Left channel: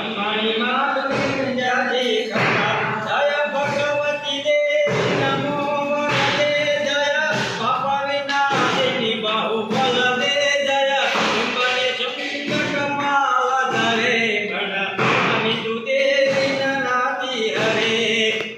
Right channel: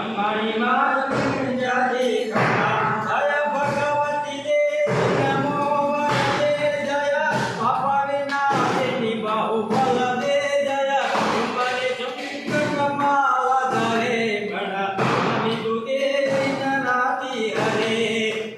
खंबाणी मातने जाजे खंबा जय भगवती देवी नमो वरदे जय बापा विनाशिनी बाहुबल दे जय कुंभले चंद्र कमाला धरे गण अमी तू देवी नाती हरे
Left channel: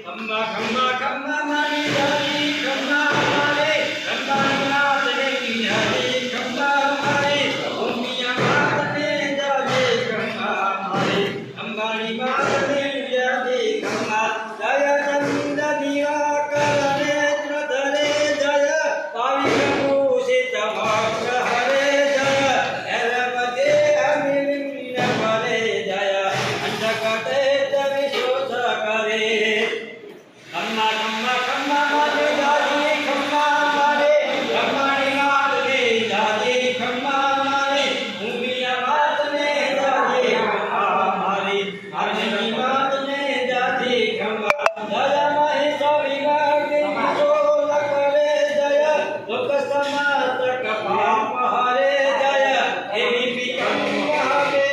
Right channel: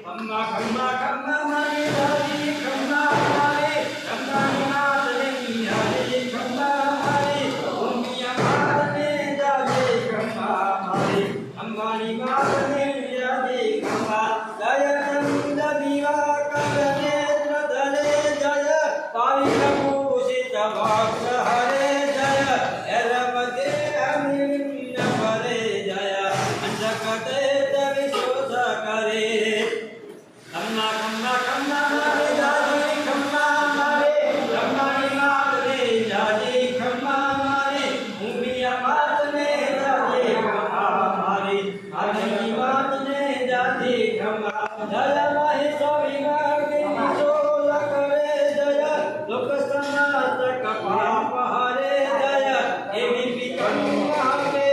खंबा खंबा खंबा मारी जाई खंबा मारे खंबाणी मातने हरे खंबा मारे भूमिया मातने जाजे खंबा मारे खंबाणी मातने जाजे खंबा जय चंद दिवाकर नेत्र धरे जय पाणी भूषित वक्र हरे जय एलपते अमिलिंग करे जय अंजकटे विशोष करे खंबा खंबा खंबा मारे जाजे खंबा मारे खंबाणी मातने जाजे खंबा मारे भूमिया मातने जाजे खंबा मारे अग्नि मातने जाजे खंबा जय महेश विवाह विशोल करे जय लोक समातक पाप हरे जय देवी पिकंबे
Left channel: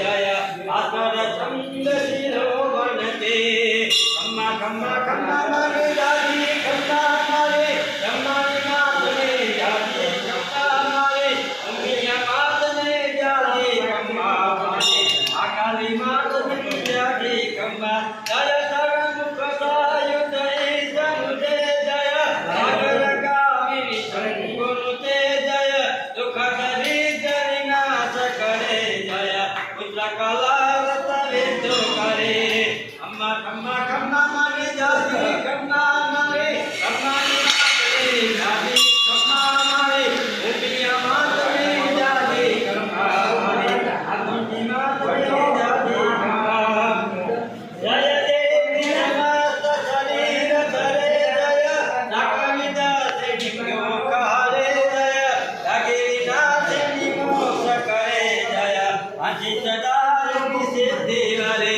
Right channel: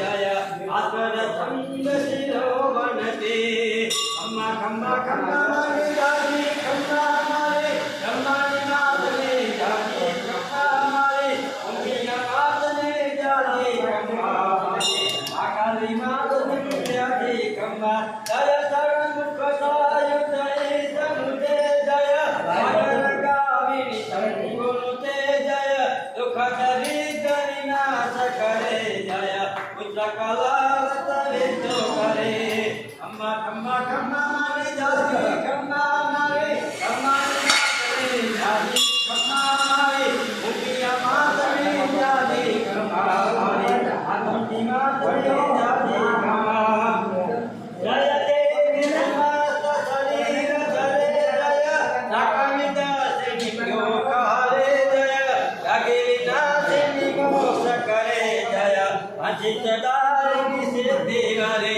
जय आतर छंद शिरो बनते खंबा खंबा खंबा मारे जाजी खंबा मारे खंबाणी मातने जाजी खंबा मारे भूमिया मातने जाजी खंबा मारे अकाली मातने जाजी खंबा जय सर्वमुख सायुधे समुदे जय सागर कामिनी संकुलते जय दुख दरिद्र विनाश करे जय पुत्र कलावत विद्रो करे खंबा खंबा खंबा मारे जाजी खंबा मारे खंबाणी मातने जाजी खंबा मारे भूमिया मातने जाजी खंबा मारे अग्नि मातने जाजी खंबा जय देवी नमस्त शरीर धरे जय नागविद सिंहो हरे जय जगिरी नाशिनी मोक्ष करे जय अजित दारिणी सिद्धि हरे